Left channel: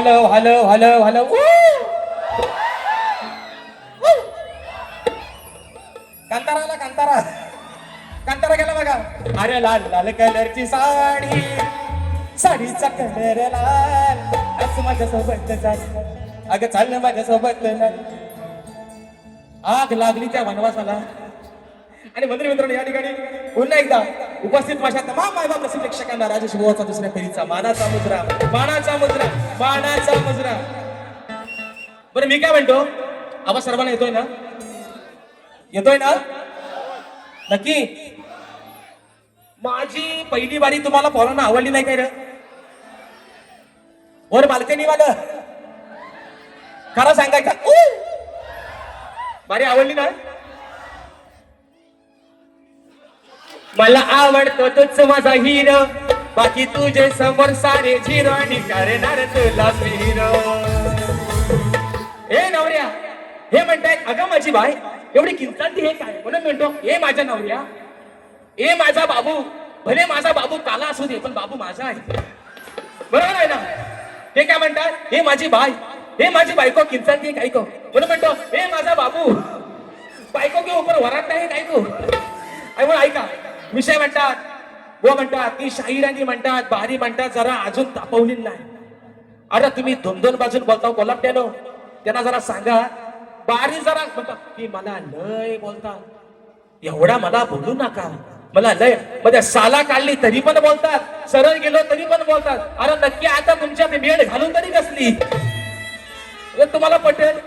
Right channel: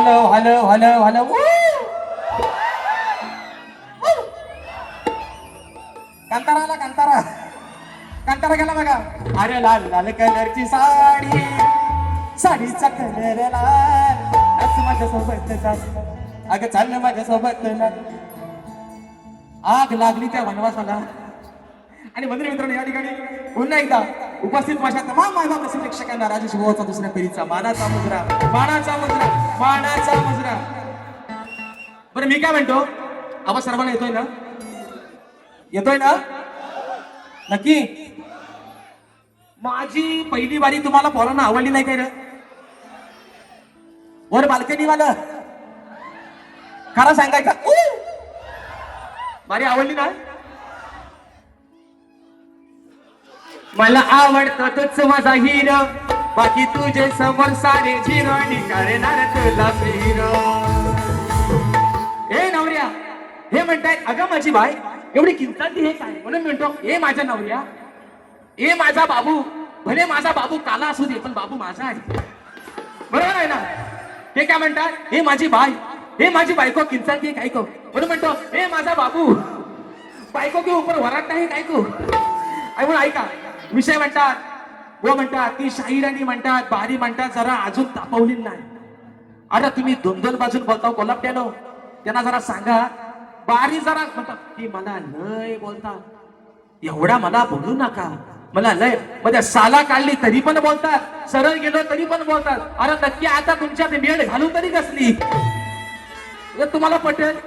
Hello hello hello hello Kantara Kantara Kantara गेला बघा. अरे लाल लाल कलरची साडी, साडीचा कलर लाल, असं माझ्या सोबत जात अगं चाललं माझ्या सोबत आग लागली त्या वनवासाला. आणि मंत्री मित्रांनो या ठिकाणी पुन्हा एकदा उपस्थित माझ्या तमाम मायबाप असेल प्रेक्षकांना राजेश भाऊचा दुसऱ्या फेरीचा मानाचा मुजरा, मानाचा मुजरा, मानाचा मुजरा. बरं मी काय म्हणतो, आवाज सर्वांना येतोय ना? येतोय ना? नक्की. माझी पहिली वारी तुम्हाला पोरांना आवडली नाही काय रे? वर बाल्कनी वाला खरं सांगायचं वारी आवडली ना? मला आवडतो तोच माझा हिरो, बाकी तुझे समोर सारे झिरो, करणार तुला हिरो. हे नवऱ्या हे म्हणताय अगं माझी बाय एवढी किंचाळती हे काय? म्हणून म्हणतो हे माझ्या नवऱ्या, हे माझा बाबू, भले माझा बाबू काला असू दे पण बाबू माझा आहे. बरोबर आहे ना? ते काय म्हणतात हे माझी बाय, हे माझी बायको किंचाळती काय को, म्हणून म्हणतो हे माझा बाबू, बायको के ऊपर वराटता है काय को. ऐका विषय म्हणतात वो म्हणतात ती शाहिरांनी म्हणतात बारी म्हणतात जरा अजून तापवली नाही. अरे तुम्ही दोन दोन बाजून बोलता कोल्हाट्यानो, त्यांना जरा सांगा बारी जरा म्हणतात की मला लय बोलता एवढा मला बोलू नका, मला लय मध्ये साला काढली तरी पण बोलतात, सरळ गेलो तरी पण बोलतात. अरे नक्की आता तुमच्यात मेळ घालून तरी कसली तुम्हाला पटेल.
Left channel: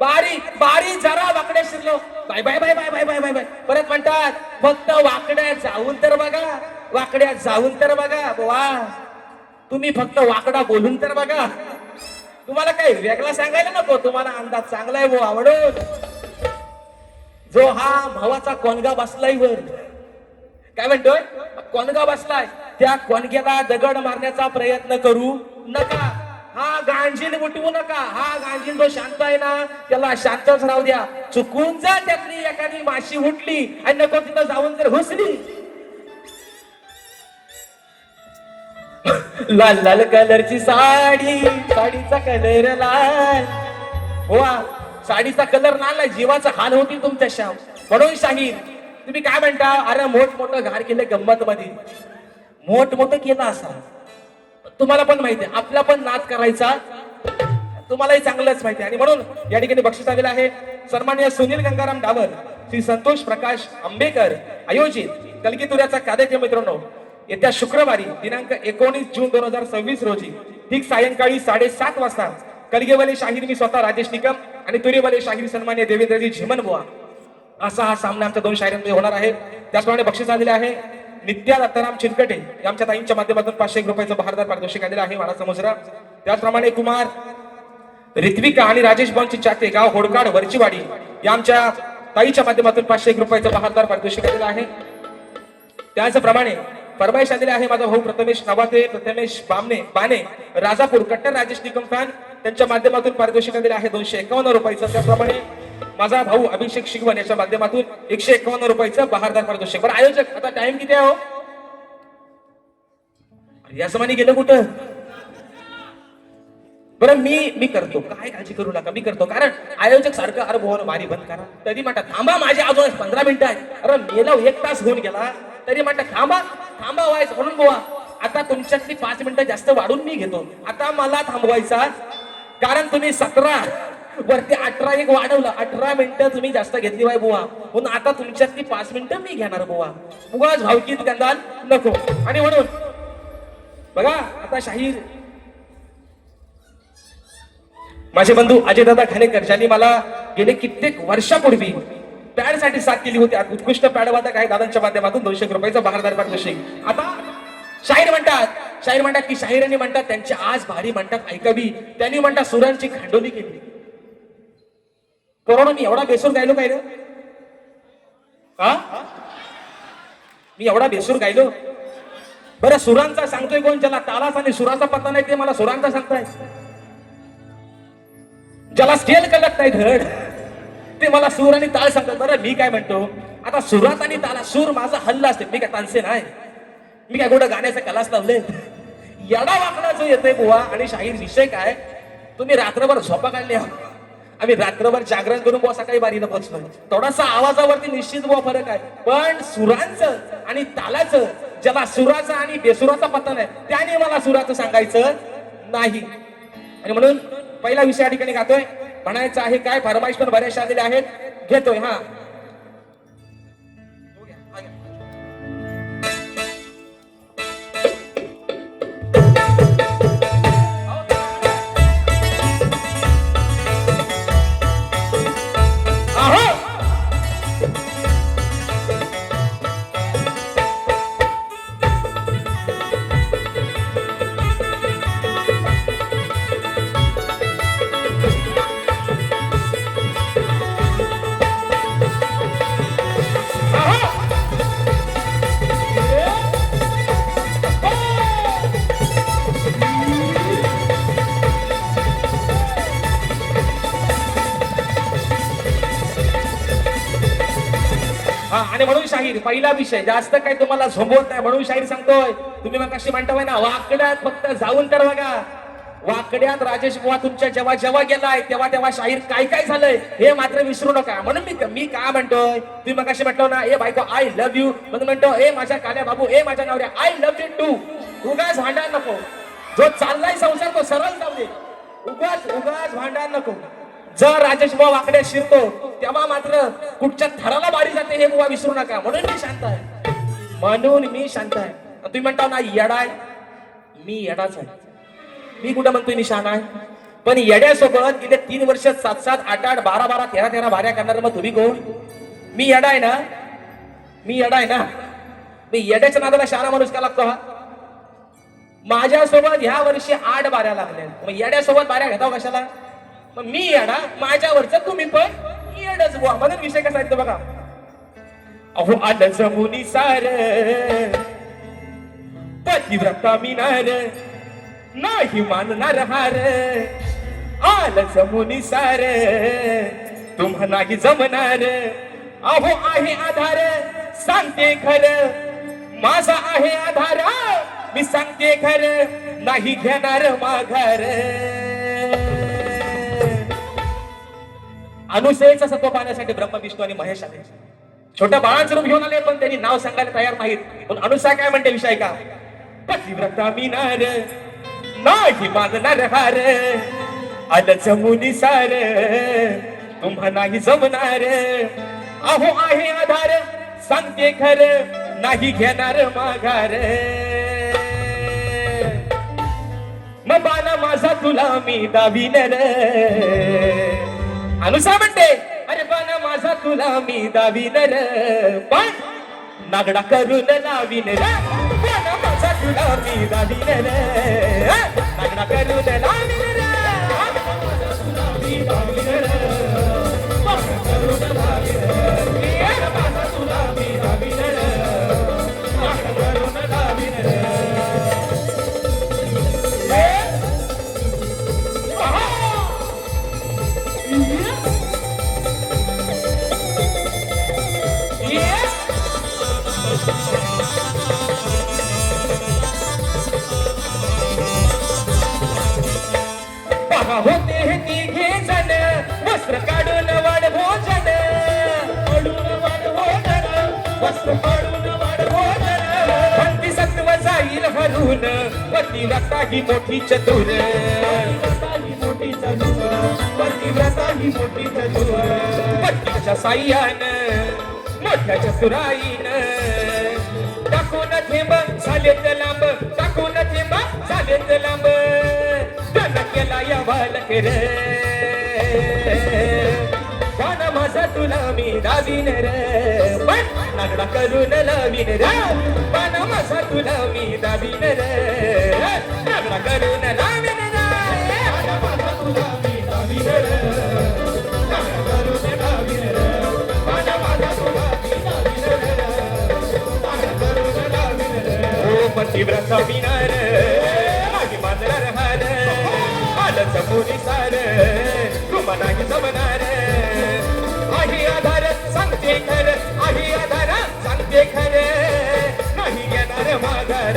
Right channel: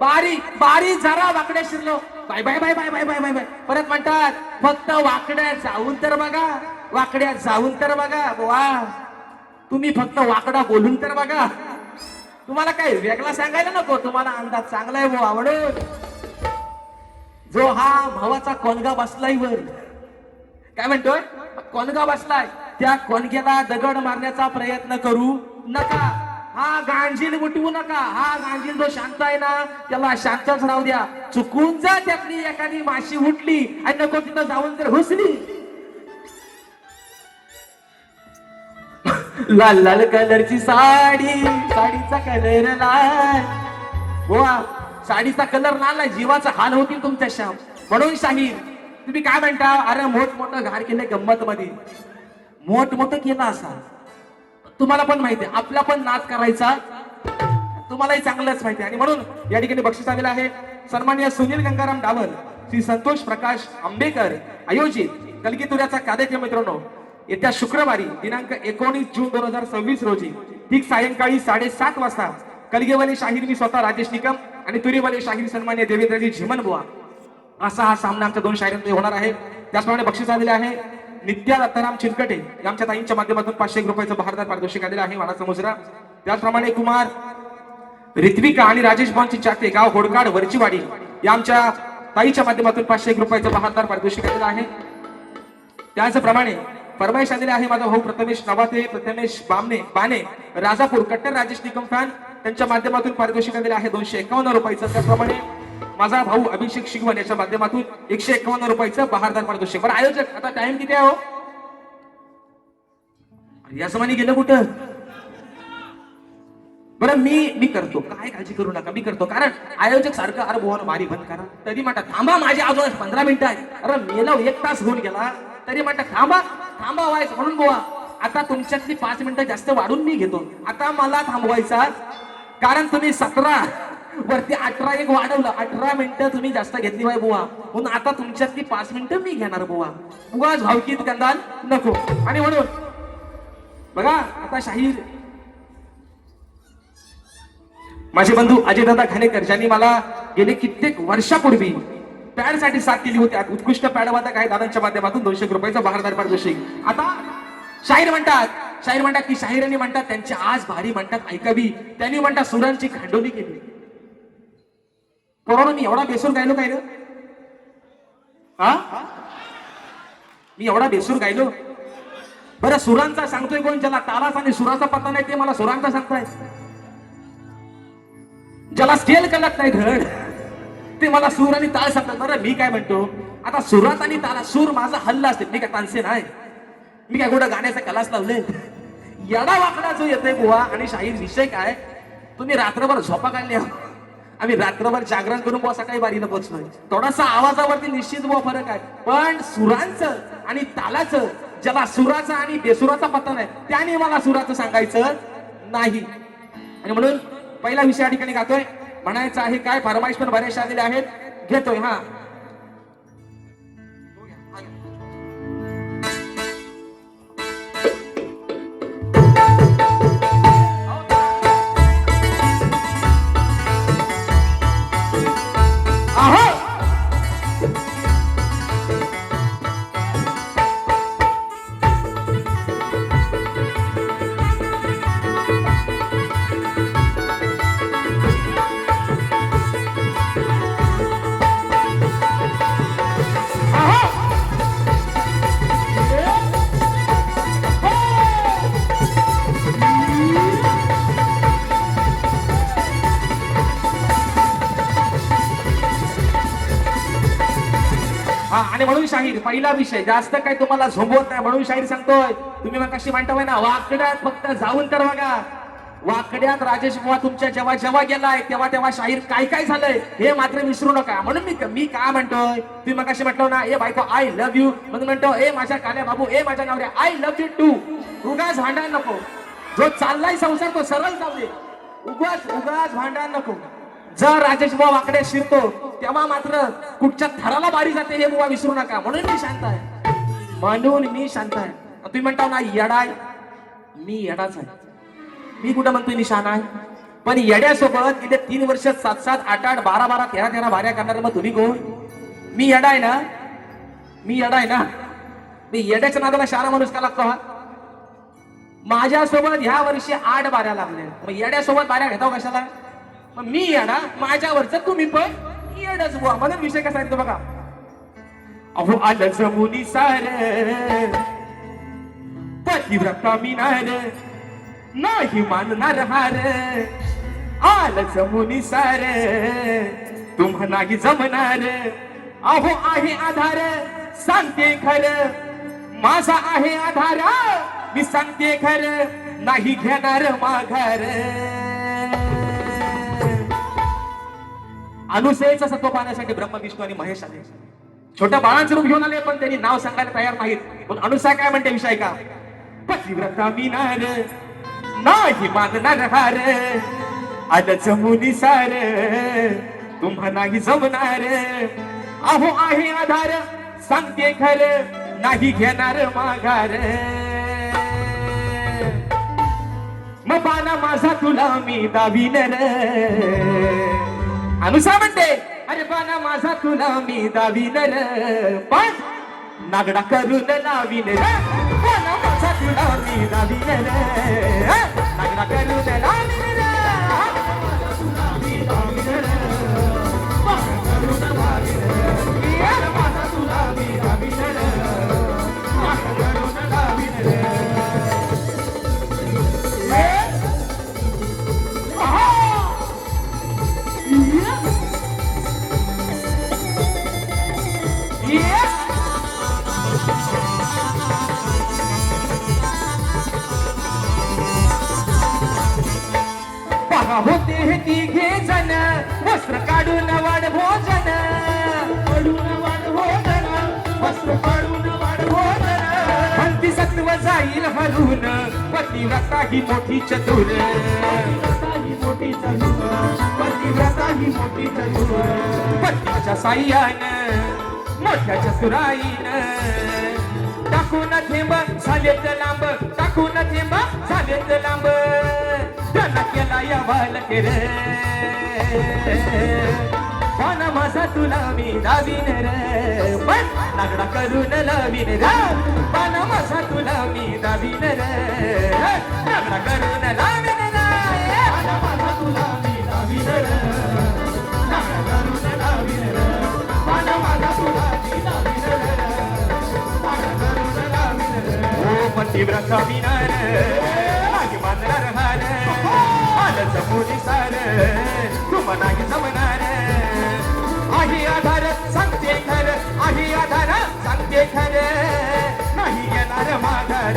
बारी बारी जरा वाकड्या शिरलो bye bye bye bye bye bye bye bye परत म्हणतात फक्त वाकड्या जाऊन तर बघा, वाकड्या जाऊन तर बघा. वा तुम्ही फक्त वाकडा बोलून तर बघा. तुम्हाला काही वेगळा सांगायला नको, तुम्हाला अंदाज चांगला आहे वो आवडून. जो हा भावाचा कोणगा बसलाय वर, काय म्हणतोय कोणगा बसलाय, त्या कोणग्याला दगड मारण्याचा प्रयत्न करू नका. हा गांजील उठवू नका. हा गांजील जो शांत आहे ना त्याला शांतच राहू द्या. चुकून जर त्यातली एखादी माशी उठली आणि नको तिथं जाऊन जर घुसली, लाल लाल कलरची साडी, साडीचा कलर लाल. गोवा साडीचा कलर लाल आहे, जीवाचा हाल होती तुमच्या शाम. म्हणून शाहीर तुम्ही काय म्हणता, अरे मोठमोठं घाण केलं गंमत मध्ये, मोठमोठं केलं असा तुम्हाला पण माहिती आहे, आपला पण नाच करायचा तुम्हालाही चांगलंच माहिती आहे. आणि म्हणून या ठिकाणी बक्षीस आलेलं आहे सन्माननीय सुनील गंगाराम डावर, श्री संतोष प्रकाश आंबेकर आयोजित कलगीतुऱ्याचा कार्यक्रम. मित्रांनो येत्या शुक्रवारी दिनांक 19 जून 2026 रोजी ठीक सायंकाळी 7:30 वाजता कलगीवाले शाहीर मी स्वतः राजेश निकम आणि तुरीवाले शाहीर सन्मान्य देवेंद्रजी झिमन बुवा असा हा सामना आमच्या दोन शाहिरांमध्ये होणार आहे. त्याचप्रमाणे बक्षीस आलेले आहे नित्या दत्ताराम चिरकटे आमच्या ताईंच्या माध्यमातून 500 रुपयाचं बहारदार पारितोषिक आलेलं आहे मानाचा मुजरा. त्याचप्रमाणे कुमार ऋत्विका आणि राजेश बॉनची चाते गाव होडकाड वरचीवाडी या आमच्या ताईच्या माध्यमातून 500 रुपयाचं बहारदार पारितोषिक आलेलं आहे. त्याचप्रमाणे फरमाईश आलेली आहे माझा भाऊ प्रथमेश नवाते, प्रथमेश बाने राजापूर कट्टर राजेश निकम फॅन, त्यांच्या माध्यमातून पारितोषिक आलेलं आहे 251 रुपयाचं. त्याचप्रमाणे माझा भाऊ अभिषेक शिगवण याच्या माध्यमातून 151 रुपयाचं बहारदार पारितोषिक. बरं आयोजक आता टाइम किती आहे हो? या समानी गेलं कुठं? बरं मी करतो, काय काळजी करू नका, मी करतो. कारण आयोजक सारखं अरे बोन मारी बंद करा तरी म्हणतात थांबा माझे अजून 15 मिनिटं आहे. अरे मेला 1 तास होऊन गेला तरी म्हणतात थांबा थांबा व्हायचं. म्हणून बुवा आता तुमच्यातली 5 मिनिटं जास्त वाढून मी घेतो. आता मला थांबवायचा कारण तुम्ही 17 वरती 18 एक वाढवलं, 18 मिनिटं तुम्ही जास्त घेतली बाय बुवा. म्हणून आता तुमच्यातली 5 मिनिटं मी घेणार बुवा. बुवा भावकीत गंधान नको. आणि म्हणून बघा आता शाहीर माझे बंधू अजयदादा खानेकर ज्यांनी मला गेले कित्येक वर्षापूर्वी पॅड साठी साथ केली होती, उत्कृष्ट पॅडवादक आहे दादांच्या माध्यमातून 200 रुपयाचा बहारदार पारितोषिक. आता शाहीर म्हणतात की शाहिरांनी म्हणतात त्यांची आज भारी म्हणतात ऐकावी, त्यांनी म्हणतात सुरांची खांडोली केली. पोरांनो मी एवढा बेसूर गायलो काय रे? मी एवढा बेसूर गायलो? बरं सुरांचा सांगतोय कोण? ज्याला तालाचा आणि सुराचा पत्ता नाही ते मला सुरांचा सांगताय. ज्याला स्केल कळत नाही धड ते मला सूर आणि ताल सांगतात. बरं मी काय म्हणतो, आता सुरात आणि ताला सूर माझा हल्ला असते, मी काय तानसे नाही, मी काय कुठं गाण्याचा क्लास लावले. येडा वाकडा जो येतोय बुवा आणि शाहीर विषय काय, तुम्ही रात्रभर झोपा काढल्या, आम्ही रात्रभर जागरण करून बुवा सकाळी बारीनं पोहोचलोय. थोडासा आवाजावरती निश्चित बुवा फरक आहे, पण सुरांचं आणि तालाचं, ज्याला सुराचा आणि बेसुराचा पत्ता नाही त्याने मला सुराचं सांगायचं नाही. आणि म्हणून पहिला विषय या ठिकाणी गातोय. म्हणायचं आहे काय, फरमाईश पण बऱ्याचशा आलेल्या आहेत, घेतोय. हा आणि म्हणून शाहीर पहिला विषय जास्त काही तुम्हाला झोंबवत नाही म्हणून शाहीर सांगतोय. तुम्ही मग कशी म्हणताय ना, वाकड्यात फक्त जाऊन तर बघा, वाकड्यात राजेश बुवा तुमच्या जेव्हा जेव्हा गेलाय तेव्हा तेव्हा शाहीर काय काय झालंय हे मात्र विसरू नका. म्हणून मी का म्हणतोय, तुम्ही मग कशी म्हटलं ना, ए बायको आय लव्ह यू, म्हणून म्हणतो ए माझ्या काल्या बाबू, ए माझ्या नवऱ्या आय लव्ह यू टू. उगाच भांडण नको, जो चाललाय संसार तो सरळ जाऊ दे, उगाच भांडण नको. जर राजेश बुवा वाकडे शिरतो तेव्हा मात्र कुठच्या थराला बारी जाते हे बुवा विसरू नका. म्हणून मी शांत आहे, म्हणून मी शांत आहे. तुम्ही म्हणता ना येडाय, मी येडाच आहे. मी कुठं म्हणतोय मी शान आहे, पण येड्यासोबत गेले 3 वर्ष 7-7, 8-8, 12-12, 13-13 भाऱ्या करणार. मग तुम्ही कोण? मी येडा आहे ना, मी येडा आहे ना. मी येड्याच्या नादाला शाना माणूस का लागतो हा? माझ्यासोबत ह्या वर्षी 8 बाऱ्या लागल्या, मग येड्यासोबत बाऱ्या घेताव कशाला? मग मी येडा, माझ्यावरच तुम्ही पण येडच बुवा. म्हणून विषय कसा येतो बघा. अहो आलं जमुनी सार पतिव्रता मिनार नाही मानणार हार. आलं जमुनी सार तुम्हा नाही जमणार. अहो आहे आधार सांगते खरं, माझा आहे आधार मी सांगते खरं, नाही घेणार माघार. अनुसयेचा सत्व पाहण्यासाठी ब्रह्म विष्णू आणि महेश आले. छोट्या बाळांचं रूप घेऊन आले, पण त्यांनी नाव सांगायला तयार नाहीत. पण अनुसा काय म्हणते विषय का, पतिव्रता मिनार नाही मानणार हार. आलं जमुनी सार तुम्हा नाही जमणार. अहो आहे आधार सांगते खरं, नाही घेणार माघार. मग बाणा माझा तुला मी दाबीन रे. अनुसा म्हणते अरे बाणा माझा तुला मी दाबीन रे, पण नागडा करून लावीन रे. बाणा माझा तुला मी दाबीन रे, नागडा करून लावीन रे. होते हे तिघे जण वस्त्र काढून वाढ भोजन, वस्त्र काढून वाढ भोजन. भक्ती सत्व जाईल हरून पतिव्रता ही मोठी चतुर. पतिव्रता ही मोठी चतुर. पतीच्या साह्यानं मोठ्या चतुराईनं टाकून थेंब झालेत लांब, टाकून थेंब झालेत लांब. केला या बालक रे, पण माझा तुला मी दाबीन रे. पण नागडा करून लावीन रे, पण माझा तुला मी दाबीन रे. नागडा करून लावीन रे, माझा तुला मी दाबीन रे. नागडा करून लावीन रे, पण माझा तुला मी दाबीन रे. नागडा करून लावीन रे. पतिव्रता मिनार आणि मानणार हार. जमुनी सार तुम्हा नाही जमणार. आहे आधार सांगते खरं, आहे आधार सांगते खरं, नाही घेणार माघार.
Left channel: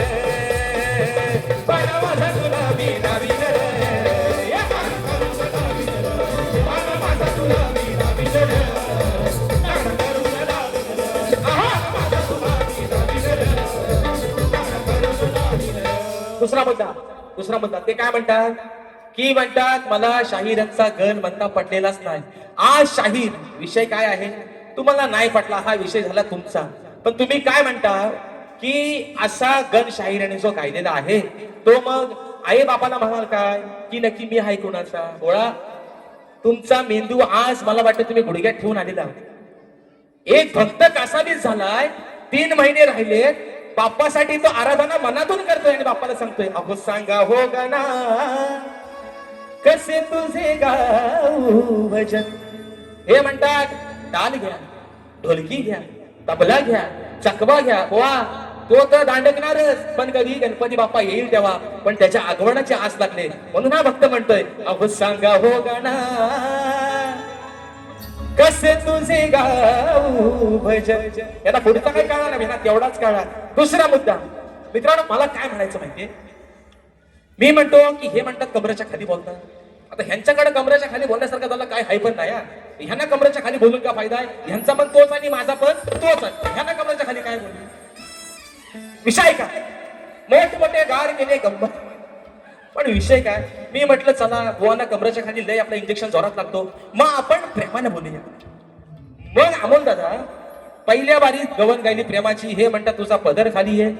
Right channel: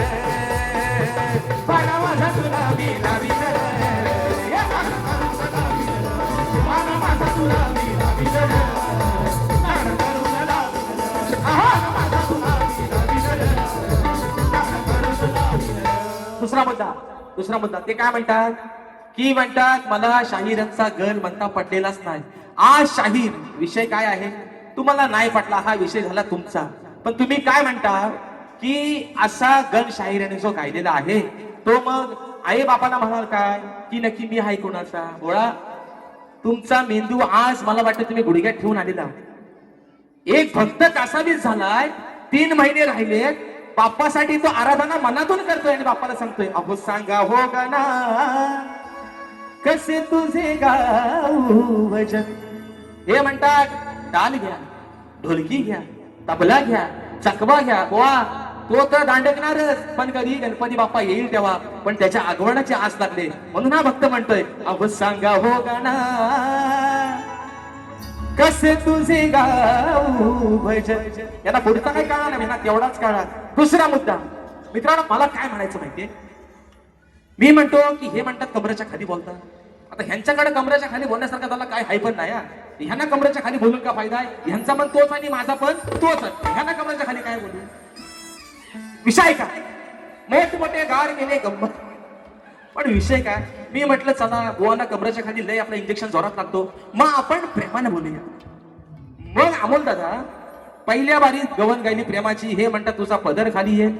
दुसरा मुद्दा ते काय म्हणतात की म्हणतात मला शाहीरांचा गल म्हणता पटलेलाच नाही. आज शाहीर विषय काय आहे तुम्हाला नाही पटला, हा विषय झाला तुमचा. पण तुम्ही काय म्हणता की असा गल शाहिराने जो गायलेला आहे तो मग आई बापाला म्हणाल काय की नक्की मी आहे कोणाचा गोळा. तुमचा मेंदू आज मला वाटतं तुम्ही गुडघ्यात ठेवून आलेला. एक भक्त कासावीस झालाय, 3 महिने राहिले, बाप्पासाठी तो आराधना मनातून करतोय आणि बाप्पाला सांगतोय अहो सांगा हो गणा कसे तुझे गाऊ भजन. हे म्हणतात ताल घ्या, ढोलकी घ्या, तबला घ्या, चकवा घ्या. बोवा तो तर दांडकणारच, पण कधी गणपती बाप्पा येईल तेव्हा. पण त्याच्या आगमनाचे आस लागले म्हणून हा भक्त म्हणतोय अहो सांगा हो गणा कसे तुझे गाऊ भजन. याला पुढचा काही काळा नाही ना, तेवढाच काळा. दुसरा मुद्दा मित्रांनो, मला काय म्हणायचं माहितीये, मी म्हणतो की हे म्हणतात कमरेच्या खाली बोलतात. आता ह्यांच्याकडे कमरेच्या खाली बोलण्यासारखं त्याला काय हाय पण नाही. ह्यांना कमरेच्या खाली बोलून का फायदा आहे, ह्यांचा पण तोच आणि माझा पण तोच. ह्यांना कमरेच्या खाली काय बोलू विषय काय, मोठमोठे गार केले गंमत, पण विषय काय. मी म्हटलं चला गोवाना कमरेच्या खाली लय आपला इंजेक्शन जोरात लागतो, मग आपण प्रेमाने बोलूया. मग अमोल दादा पहिल्या बारी गवन गायली प्रेमाची, हे म्हणतात तुझा पदर खाली आहे.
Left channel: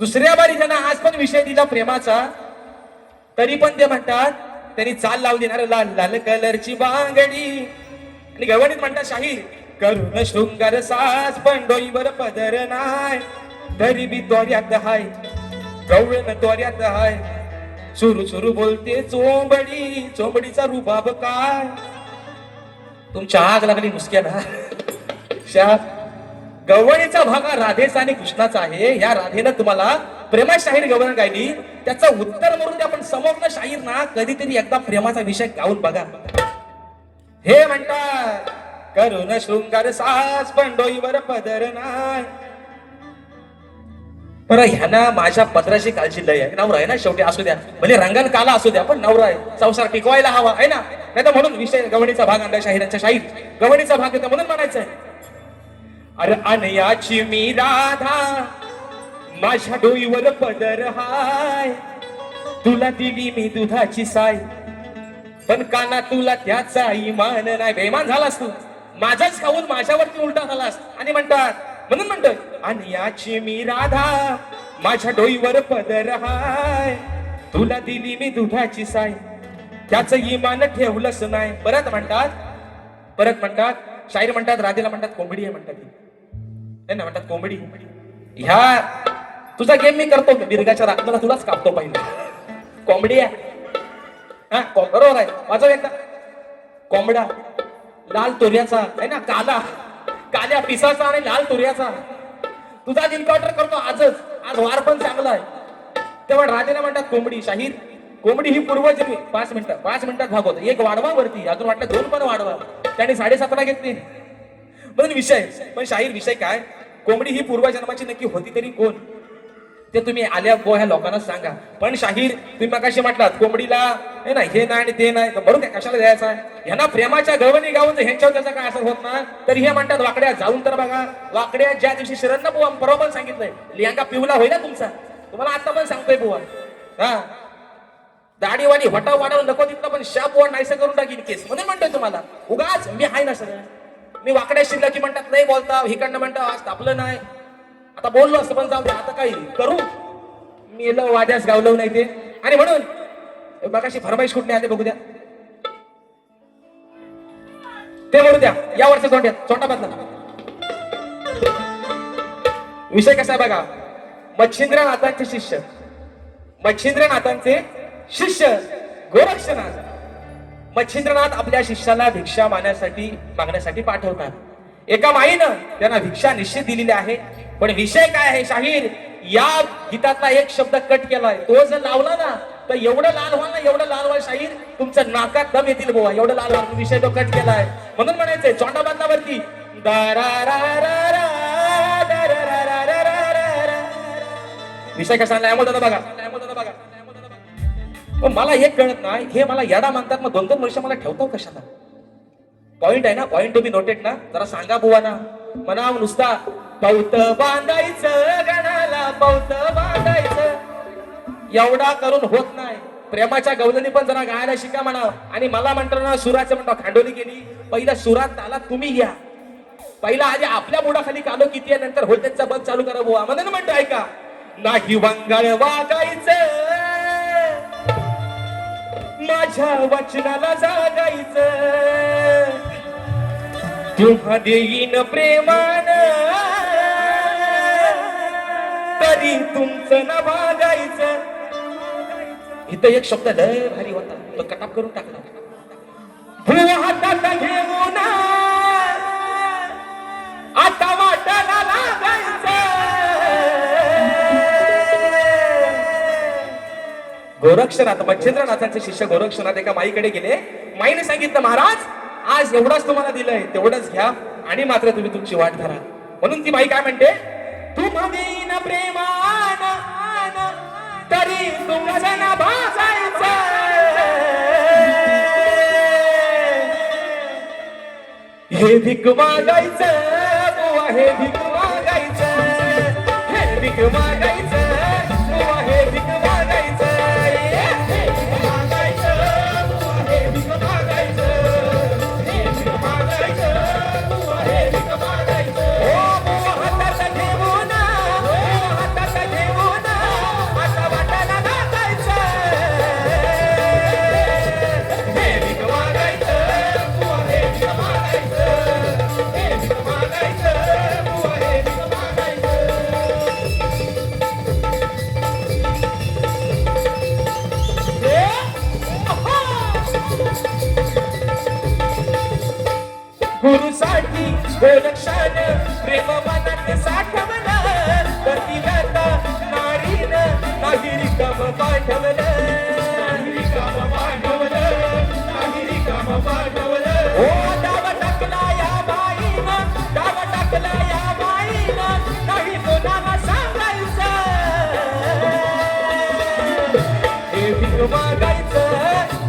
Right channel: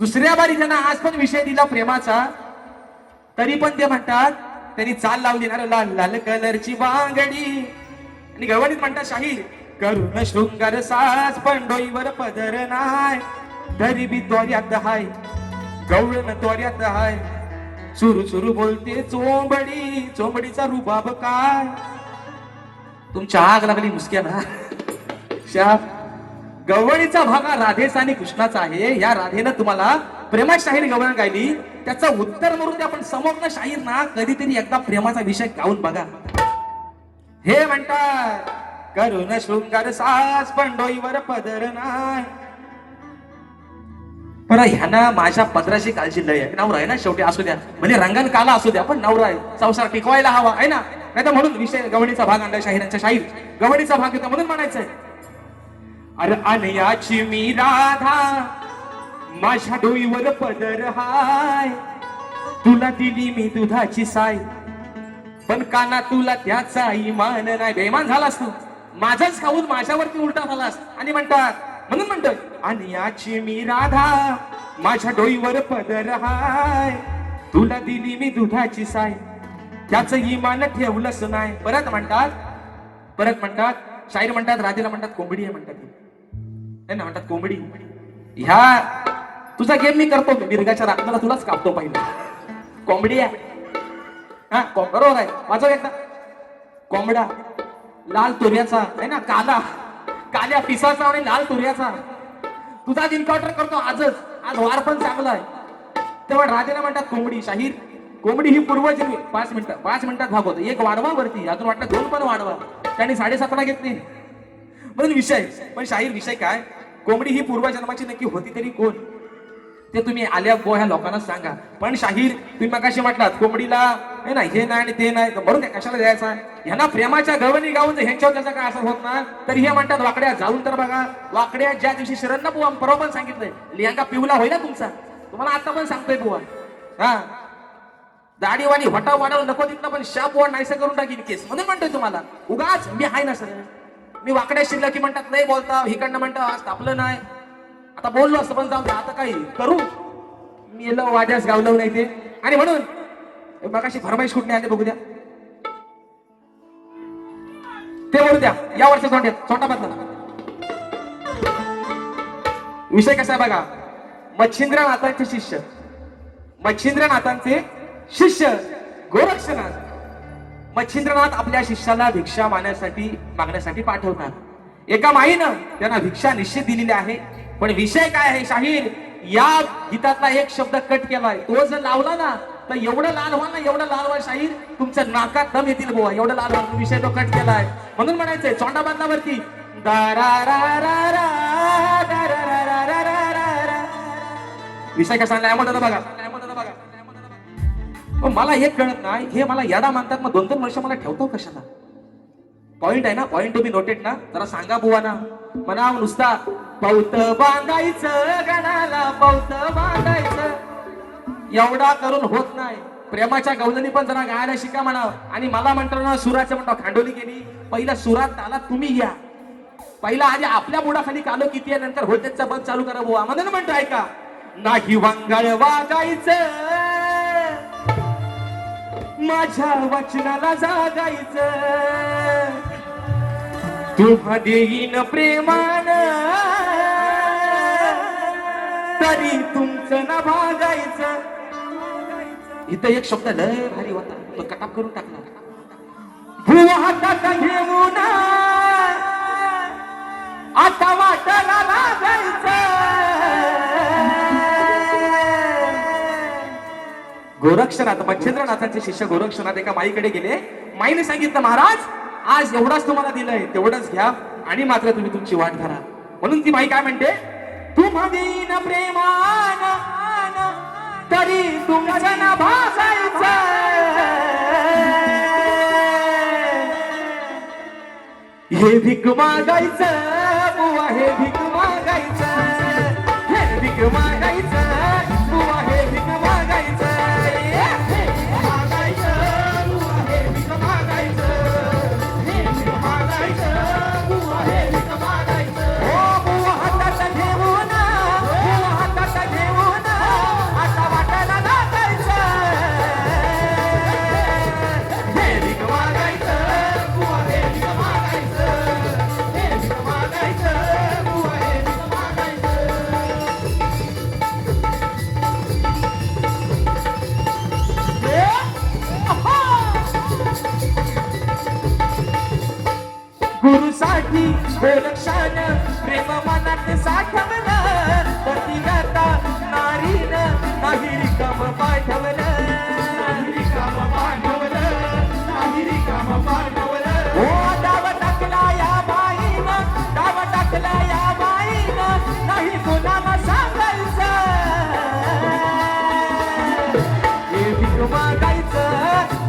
दुसऱ्या बारी त्यांना आज पण विषय दिला प्रेमाचा, तरी पण ते म्हणतात त्यांनी चाल लावली ना लाल लाल कलरची बांगडी. आणि गवणीत म्हणतात शाहीर करून शृंगार साज पण डोईवर पदर नाय, तरी बी त्वऱ्यात हाय गवळण त्वऱ्यात हाय. सुरू सुरू बोलते चोंबडी, चोंबडीचा रुबाब काय. तुमच्या आग लागली मुसक्या ना शाप. गवळीचा भाग हा राधेचा आणि कृष्णाचा आहे. या राधेनं तुम्हाला प्रेमात शाहीर गवळण गायली, त्याचं उत्तर म्हणून द्या. पण समोरनं शाहीर ना कधीतरी एकदा प्रेमाचा विषय गाऊन बघा. हे म्हणतात करून शृंगार साज पण डोईवर पदर नाय. पण ह्याना माझ्या पदराची काळजी लय आहे. नवरा आहे ना शेवटी, असू द्या म्हणजे रंगण काला असू द्या, पण नवरा आहे, संसार टिकवायला हवा आहे ना. नाही तर म्हणून विषय गवणीचा भाग आणला शाहिरांच्या. शाहीर गवणीचा भाग येतो म्हणून म्हणायचं अरे अनयाची मी राधा माझ्या डोईवर पदर हाय, तुला दिली मी दुधाची साय, पण काना तुला त्याचा इमान नाही. बेमान झालास तू, माझाच खाऊन माझ्यावरती उलटा झालास. आणि म्हणतात म्हणून म्हणतोय अनयाची मी राधा माझ्या डोईवर पदर हाय, तुला दिली मी दुधाची साय, त्याच इमान ठेवलंच नाही. परत म्हणतात शाहीर म्हणतात राधेला म्हणतात कोंबडी आहे म्हणतात. ना म्हणतात कोंबडी. ह्या तुझा गेम मी करतो, मिरगाच्या राखण्याला तुलाच कापतो पाहिजे. कोंबडी आहे हा, बरोबर आहे. वाजव एकदा. कोंबडा लाल तुर्याचा आहे ना, काल्या पिसाचा आणि लाल तुर्याचा. तुझा एन्काउंटर करतो आजच, आज वार पण चांगला आहे. तेव्हा राधेला म्हणतात कोंबडी. शाहीर कोंबडी ही पूर्वजन्मी 5 मिनिटात भागवतो. एक वाढवा वरती, अजून वाटलं 2 पण वाढवा. त्याने 7.5 घेतली म्हणून विषय. पण शाहीर विषय काय, कोंबडी ही पूर्वजन्माची नक्की होती तरी कोण, ते तुम्ही आल्या ह्या लोकांना सांगा. पण शाहीर तुम्ही मगाशी म्हटलात कोंबडीला हे नाही हे नाही आणि ते नाही, बरोबर आहे, कशाला द्यायचा. ह्यांना प्रेमाच्या गवणी गाऊन ह्यांच्यावर त्याचा काय असर होत नाही. तरी हे म्हणतात वाकड्या जाऊन तर बघा. वाकड्या ज्या दिवशी शिरण्ना बुवा परवा पण सांगितलंय लिहांका पिवला होईल ना तुमचा, तुम्हाला आता पण सांगतोय बुवा. हा दाढीवाणी वटा वाढवून नको तिथलं, पण शाप वर नाहीसं करून टाकीन केस. म्हणून म्हणतोय तुम्हाला उगाच मी आहे ना सगळं. मी वाकड्या शिरला की म्हणतात नाही बोलता, हिकडनं म्हणतात आज तापलं नाही. आता बोललो असं पण जाऊ द्या, आता काही करू मी वाद्यास गावलं नाही ते. आणि म्हणून बघाशी फरमाईश कुठली आले बघू द्या, ते बोलू द्या. या वर्ष छोटा बदला विषय कसा आहे बघा. मच्छिंद्रनाथांचे शिष्य गोरक्षनाथ. मच्छिंद्रनाथ आपल्या शिष्याला भिक्षा मागण्यासाठी पाठवतात. एका माईनं त्यांना भिक्षा निश्चित दिलेली आहे. पण विषय काय आहे शाहीर, या गीतातला एक शब्द कट केलाय. तो जर लावला ना तर एवढं लाल व्हाल शाहीर, तुमचं नाकात दम येतील बुवा, एवढं लाल व्हाल. विषय तो कट केलाय म्हणून म्हणायचंय चोंडा बांधल्यावरती विषय कसा बघा. मला एक कळत नाही, हे मला याडा मानतात, मग 2-2 वर्ष मला ठेवतो कशाला. पॉइंट आहे ना, पॉइंट टू बी नोटेड ना, जरा सांगा बुवा ना. म्हणा नुसता पौत बांधायचं गणाला, पौत बांधायचं एवढा करून होत नाही. प्रेमाच्या गवलनी पण जरा गायला शिका म्हणा. आणि मला म्हणताना सुराचं म्हणता खांडोली गेली. पहिला सुरात ताला तुम्ही या. पहिला आधी आपल्या बुडाखाली कालो किती आहे, नंतर होतेचा बंद चालू करा बुवा. म्हणून म्हणतो ऐका, नाही वांगाळ वागायचं, माझ्या वचनाला जागायचं, तुम्हा देईन प्रेमान, तरी तुमचं ना भागायचं. इथं एक शब्द लय भारी होता, तो कटाप करून टाकला. भुवा हातात घेऊन आता वाटायला लागायचं. गोरक्षनाथ मच्छिंद्रनाथांचे शिष्य गोरक्षनाथ एका माईकडे गेले. माईने सांगितलं, महाराज आज एवढाच तुम्हाला दिलंय, तेवढंच घ्या आणि मात्र तुम्ही तुमची वाट धरा. म्हणून ती माई काय म्हणते, तुम्ही प्रेमान तरी तुमचं ना भासायचं. हे भीक मागायचं बुवा, हे भीक मागायचं, हे भीक मागायचं बुवा, हे भीक मागायचं, हे भीक मागायचं बुवा, हे भीक मागायचं, हे भीक मागायचं बुवा, हे भीक मागायचं. ओ बुवा हातात घेऊन, बुवा हातात घेऊन आता वाटायला लागायचं. हे भीक मागायचं बुवा, हे भीक मागायचं, हे भीक मागायचं बुवा, हे भीक मागायचं. गुरुसाठी गोरक्षान प्रेम मनात साठवलं, पतिव्रता नारीनं नाही रिकाम पाठवलं, नाही रिकाम पाठवलं, नाही रिकाम पाठवलं. ओ डाव टाकला या बाईनं, डाव टाकला या बाईनं, नाही कोणाला सांगायचं. हे भीक मागायचं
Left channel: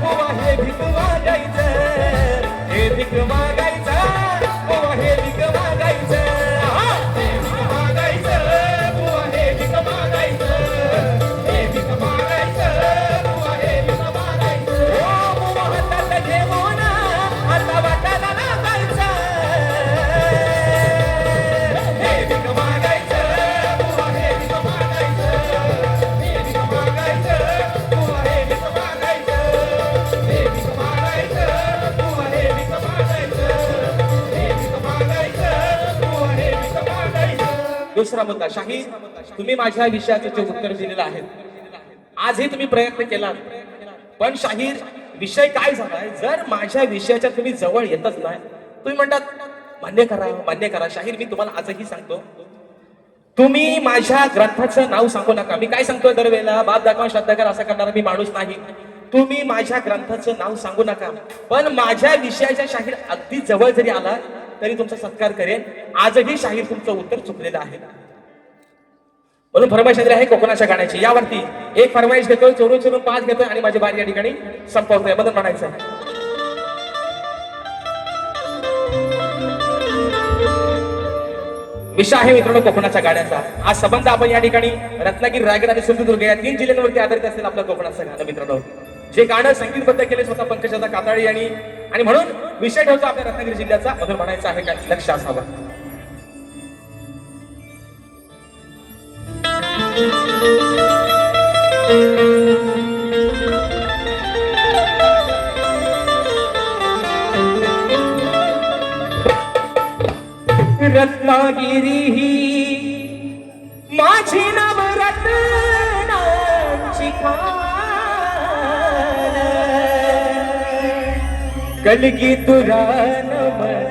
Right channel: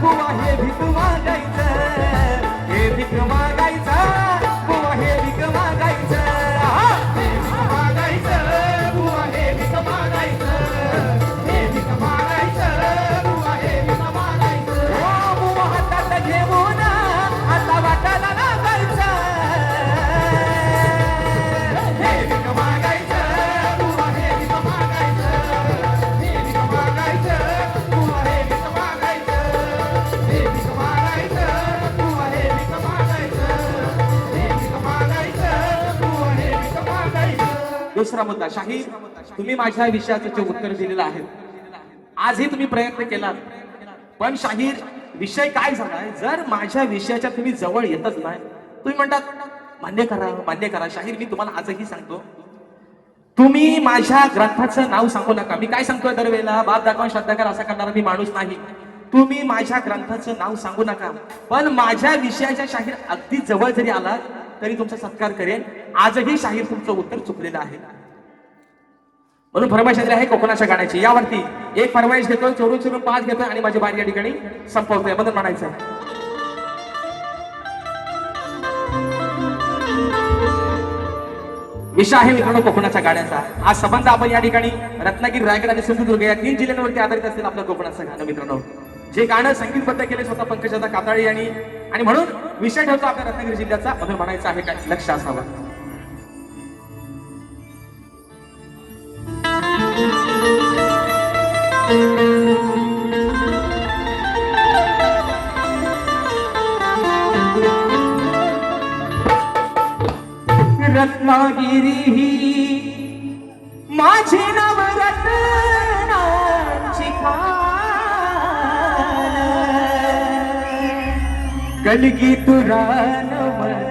बुवा, हे भीक मागायचं, हे भीक मागायचं बुवा, हे भीक मागायचं, हे भीक मागायचं बुवा, हे भीक मागायचं, हे भीक मागायचं बुवा, हे भीक मागायचं. ओ बुवा हातात घेऊन आता वाटायला लागायचं. हे भीक मागायचं बुवा, हे भीक मागायचं, हे भीक मागायचं बुवा, हे भीक मागायचं, हे भीक मागायचं बुवा, हे भीक मागायचं, हे भीक मागायचं बुवा, हे भीक मागायचं. दुसरा मुद्दा, शाहीर तुम्ही माझ्या विषयाचे जे उत्तर दिलेलं आहे, आजही तुम्ही प्रयत्न केला, पण शाहीर विषय काय झालाय, जर माझ्या विषयाच्या तुम्ही जवळ येतच नाही, तुम्ही म्हणतात मान्य करा मान्य करा. शाहीर मी तुम्हाला आजही सांगतो, तुम्ही माझ्या ग्रंथाचं नाव सांगू नका. मी काय सांगतोय दरवेळेला, बाप दाखवा श्रद्धा करा असा करणारा मी माणूस नाही. तुम्ही माझ्या ग्रंथाचं नाव सांगू नका, पण माझ्या विषयाच्या शाहीर अगदी जवळ जरी आला तरी तुमचा सत्कार करेन. आजही शाहीर तुमचं उत्तर चुकलेलं आहे. म्हणून फरमाईश दिली आहे कोकणाच्या गाण्याची. यावरती एक फरमाईश घेतोय, चोरून चोरून 5 घेतोय आणि माझी बारी या ठिकाणी संपवतोय. बदल म्हणायचं, विषय आहे मित्रांनो कोकणाच्या गाण्याचा. आज संबंध आपण या ठिकाणी रत्नागिरी, रायगड आणि सिंधुदुर्ग या 3 जिल्ह्यांवरती आधारित असेल आपलं कोकणाचं गाणं. मित्रांनो जे गाणं संगीतबद्ध केले स्वतः पंकजादा काताळी आणि म्हणून विषय ठेवतो आपल्या रत्नागिरी जिल्ह्याचा. बदल म्हणायचा आहे, काय लक्ष असावं. रत्नागिरी ही माझी नवरत्नांची खाण, कलगी तुरा नमन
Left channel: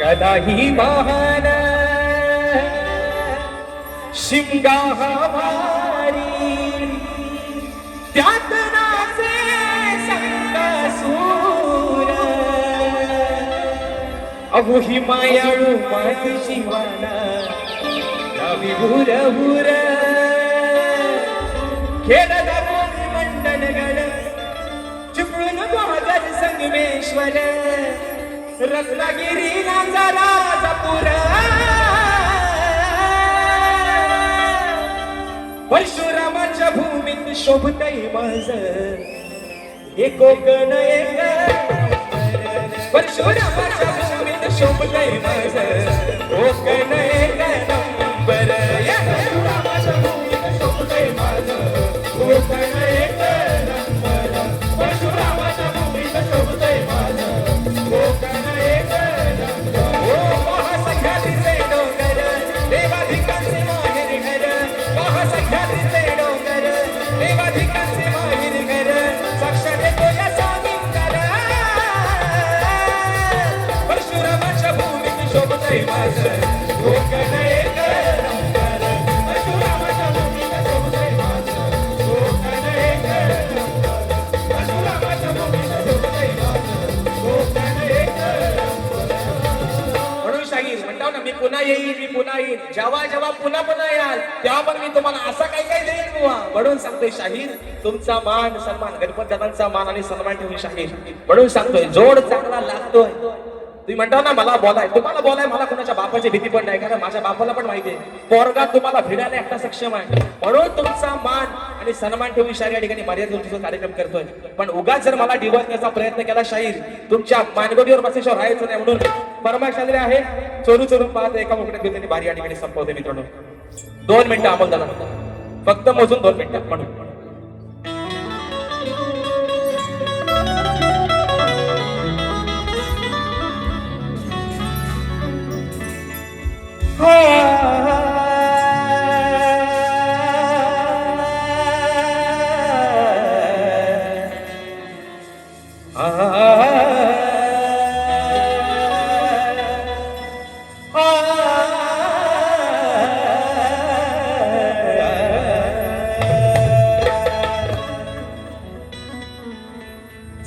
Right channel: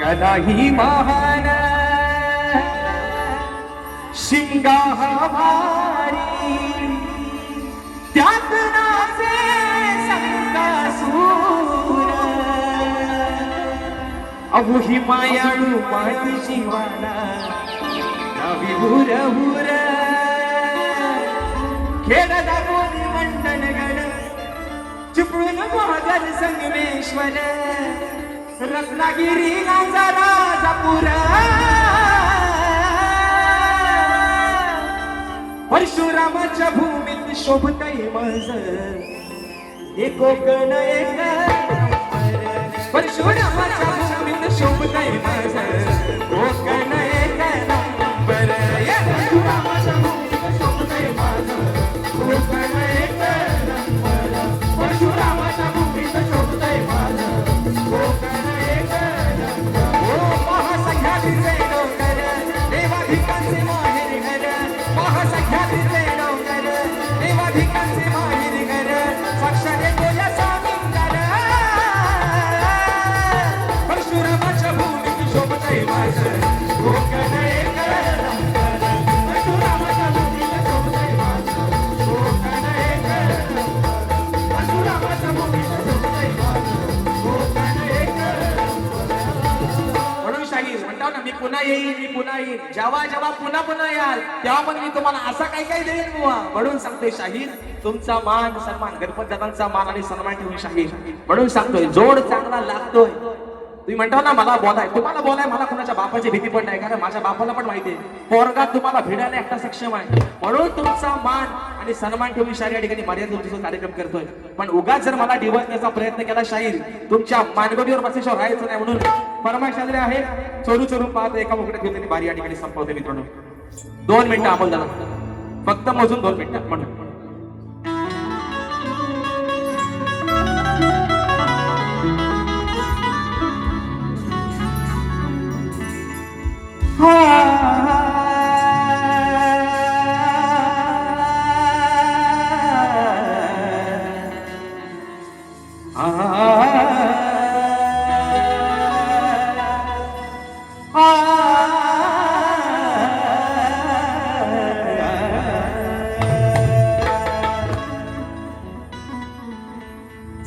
कदाही महान, शिमगा हवारी त्यात नाचे संकासूर, अहो ही मायाळू माझी जीवाला नवी हुर हुर, खेळ दाबून मंडलगड चिपळून बहादर संगमेश्वर, रत्नागिरी राजापूर, परशुरामाच्या भूमीत शोभतय माझ हे कोकण एक परशुरामाच्या भूमीत शोभतय माझ कोकण एक नंबर परशुरामाच्या भूमीत शोभतय माझ कोकण एक नंबर परशुरामाच्या भूमीत शोभतय माझ कोकण एक नंबर ओ महासंघातील डोंगर देवाधिकांचे माहेर घर महासंघातील डोंगर देवाधिकांचे माहेर घर साक्षात डोल्या सामिंगर परशुरामाच्या भूमीत शोभतय माझ कोकण एक नंबर परशुरामाच्या भूमीत शोभतय माझ कोकण एक नंबर परशुरामाच्या भूमीत शोभतय माझ कोकण एक म्हणून शाहीर म्हणतात ना मी पुन्हा येईन जेव्हा जेव्हा पुन्हा याल तेव्हा पण मी तुम्हाला असा काय देईन बुवा म्हणून सांगतोय शाहीर तुमचा मान सन्मान गणपत दादांचा मान आणि सन्मान ठेवून शाहीर म्हणून सांगतोय जोड चांगला लागतोय तुम्ही म्हणता ना मला बोलाय तुम्हाला बोलाय मला कोणाच्या बापाची भीती पण नाही कारण माझ्या बापाला पण माहितीये पोरगा तुम्हाला भिडायला एकटा सक्षम आहे म्हणून तुमचा मान आणि सन्मान ठेवून शाहीर या ठिकाणी मर्यादित कार्यक्रम करतोय पण उगाच जर मला डिवचण्याचा प्रयत्न केला शाहीर तुमच्या मानगडीवर बसायच्यावर राहायचं नाही म्हणून परमाशास्त्री आहे चोरून पाहत एका मुकड्यात घेऊन त्यांनी बारी या ठिकाणी संपवते मित्रांनो 2 मिनिटं अमोल दादा फक्त मोजून 2 मिनिटं म्हणून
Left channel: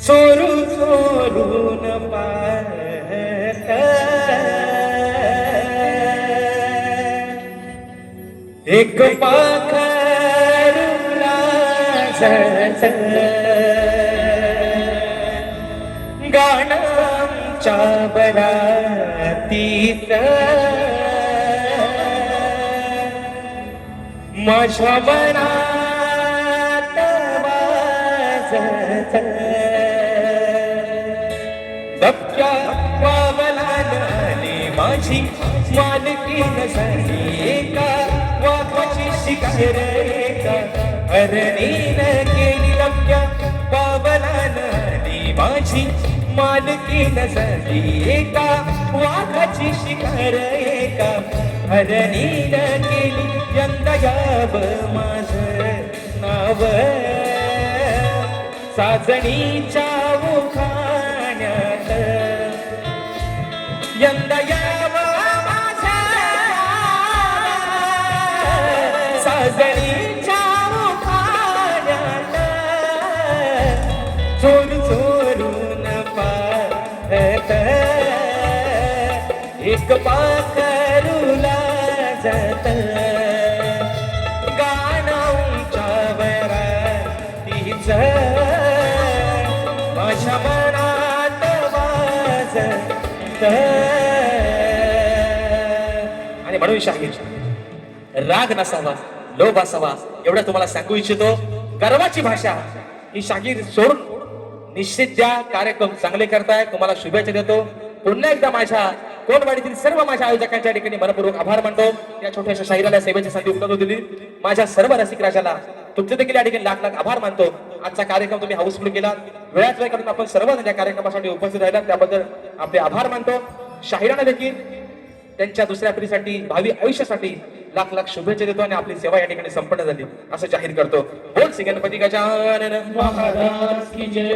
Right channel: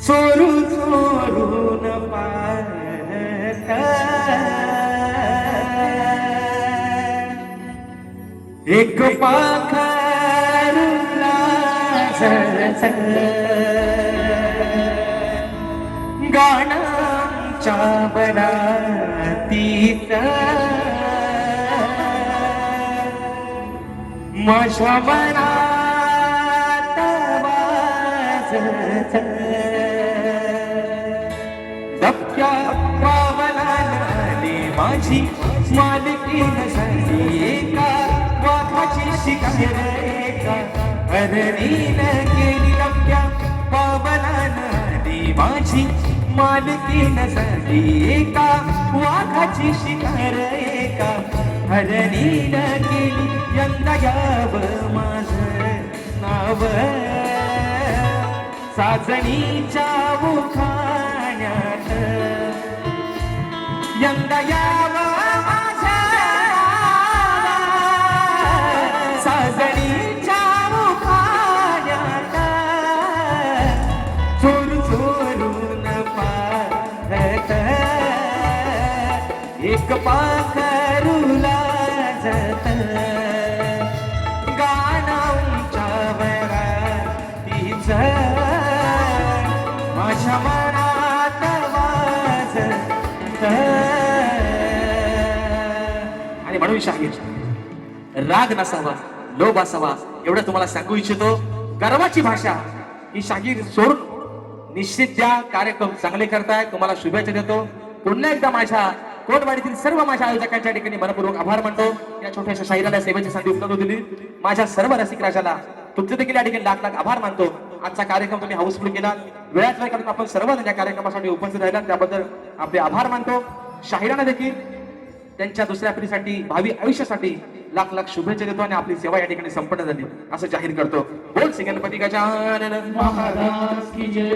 चोरून पाहत एक पाखरूला गाण्याच्या बरातीत माझ्या मनात वाजत दबक्या पावलाने माझी मालकीन झाली एका वाघाची शिकार एका हरणीन केली दबक्या पावलाने माझी मालकीन झाली एका वाघाची शिकार एका हरणीन केली यंदा यावं माझं नाव साजणीच्या उखाण्यात यंदा यावं माझं साजणीच्या उखाण्यात चोरून पाहत एक पाखरूला जात गाण्याच्या वरातीच माझ्या मनात वाजत आणि म्हणून शाहीर राग नसावा लोभ असावा एवढं तुम्हाला सांगू इच्छितो गर्वाची भाषा ही शाहीर सोडून निश्चित द्या कार्यक्रम चांगले करताय तुम्हाला शुभेच्छा देतो पुन्हा एकदा माझ्या कोटवाडीतील सर्व माझ्या आयोजकांच्या ठिकाणी मनपूर्वक आभार मानतो या छोट्याशा शाहिराला सेवेची संधी उपलब्ध दिली माझ्या सर्व रसिक राजाला तुमचे देखील या ठिकाणी लाख आभार मानतो आजचा कार्यक्रम तुम्ही हाऊसफुल केला वेळात वेळ करता आपण सर्वजण या कार्यक्रमासाठी उपस्थित राहिला त्याबद्दल आपले आभार मानतो शाहिरांना देखील त्यांच्या दुसऱ्या पिढीसाठी भावी आयुष्यासाठी लाख शुभेच्छा देतो आणि आपली सेवा या ठिकाणी संपन्न झाली असं जाहीर करतो बोल श्री गणपती गजानन महाराज की जय